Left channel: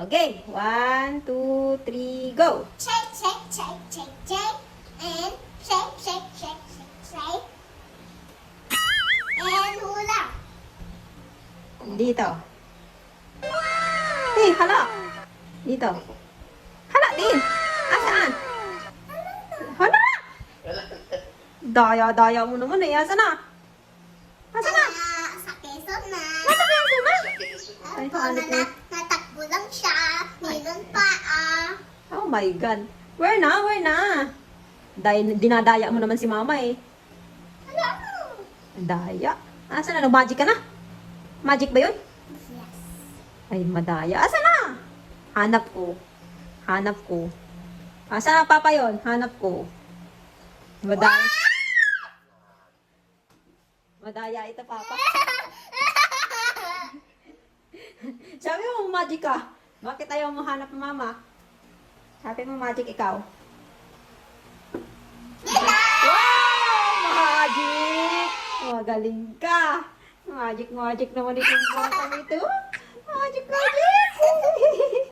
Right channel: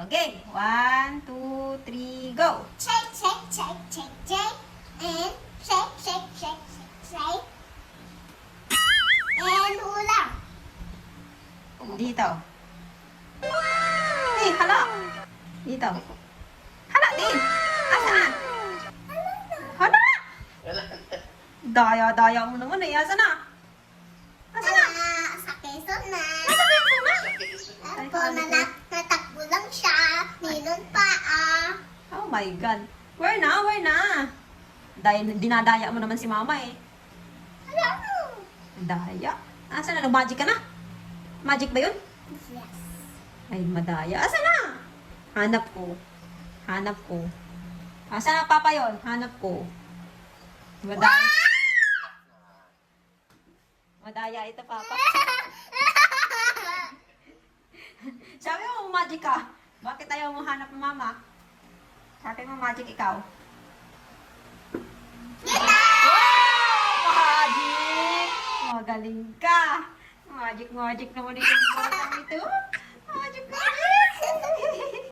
Okay, 1, 2, 3, go! Shake, shake, shake, shake, shake. And shake, shake, shake, shake, shake. And hula. Dito. Eh, hala. Dito. Hala din. Asaan? Hala! Daya-daya mo naman eh. Asa na? Asa na? Sa Quezon na. Asa na yung suma? Ay, Ako hanip na na. natakbo lang siya. Ninong pa Oh my God. Where na? Where na? Dinadaya mo naman si mama eh. Wala mo. Daya. Asa na? Magic ka na? Magic ba yun? Yes. Ay, madaya. Asa na? Hanap ko. Hanap ko. Asa papa yon? Hanap ko. Madaya. Madaya ito, papa. Sabi mo, magic ka. Bakit ayaw mo hanap ng mama? Sabi mo, magic ikaw. Wow! Magic! Magaling ka. Magic naman itong bata nito. Magic!